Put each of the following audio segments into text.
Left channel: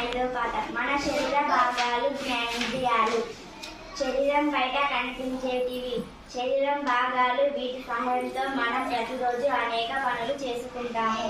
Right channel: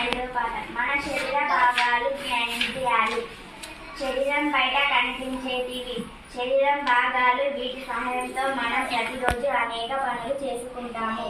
ఐదో పాఠం మన శరీర భాగాలు జ్ఞానేంద్రియాలు శరీరం బయట కనిపించేటివి శరీరం భాగాలు వీటి సహాయంతో మనం ప్రతిరోజు అనేక పనులు చేసుకుంటాము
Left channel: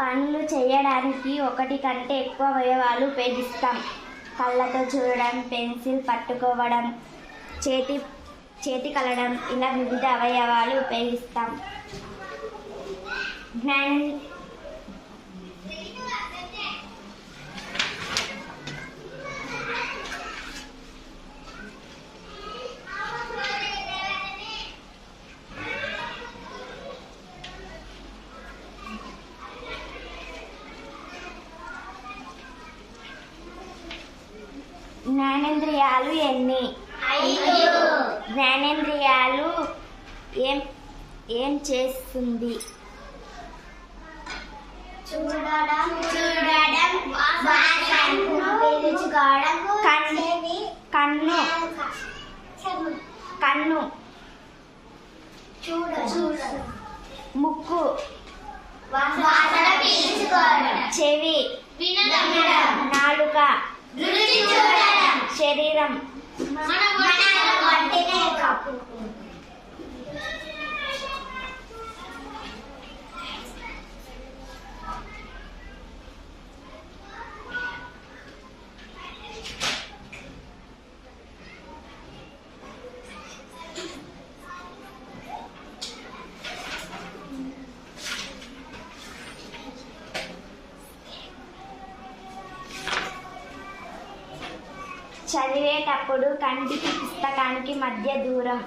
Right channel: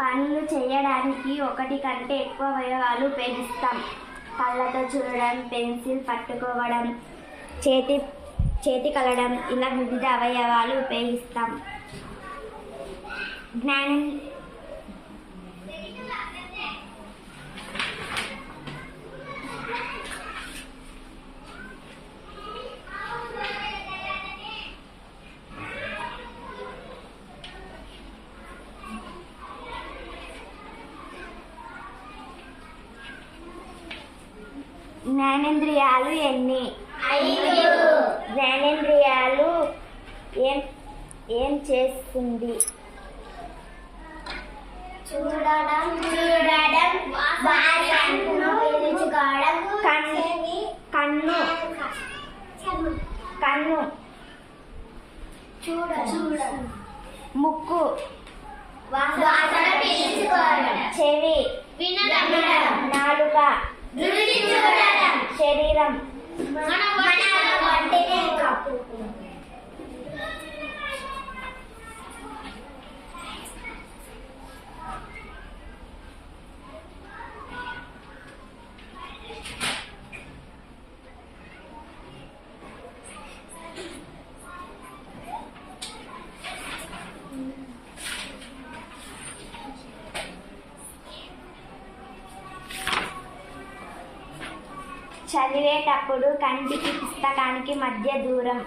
పనులు చేయడానికి ఒకటి కంటే ఎక్కువ అవయవాలు ఉపయోగిస్తాం. కళ్ళతో చూడడం పెన్సిల్ పట్టుకోవడం చేతి చేతి కలడం ఇలా వివిధ అవయవాలు ఉపయోగిస్తాం. జ్ఞానం జ్ఞానేంద్రియాలు ఎన్ని? జ్ఞానేంద్రియాలు ఏం ఏం చేస్తుంది? చూడడం చూడడం కన్ను కన్ను చూడ ముక్కు చెవి వినడం. చదివేటప్పుడు కంటికి పుస్తకానికి మధ్య దూరం.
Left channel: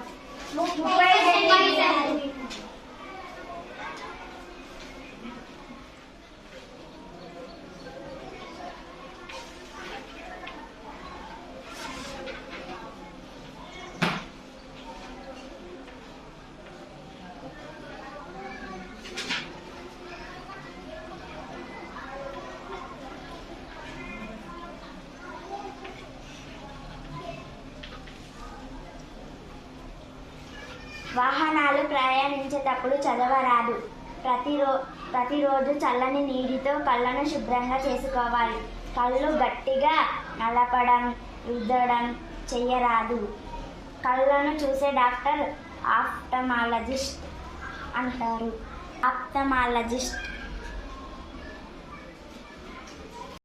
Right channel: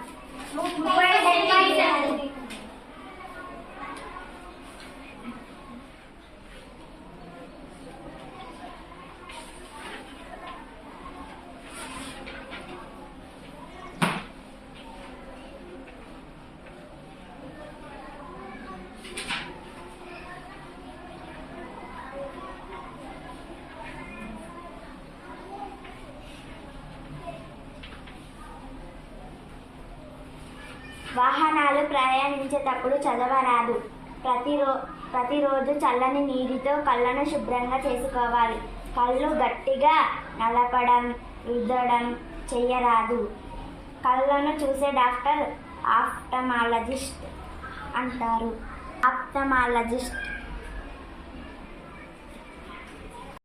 ముప్పై వాహనాలు ప్రయాణించేటప్పుడు చదవరాదు. ప్రతిరో ప్రతిరోజు చల్లని నీటితో కళ్ళను శుభ్రంగా చేసుకోవాలి. కళ్ళు గట్టిగా నలపడం రుద్దడం చేయరాదు కళ్ళను చూసే డాక్టర్ ఆఫ్టమాలజిస్ట్ అంటారు. ఆప్టమాలజిస్ట్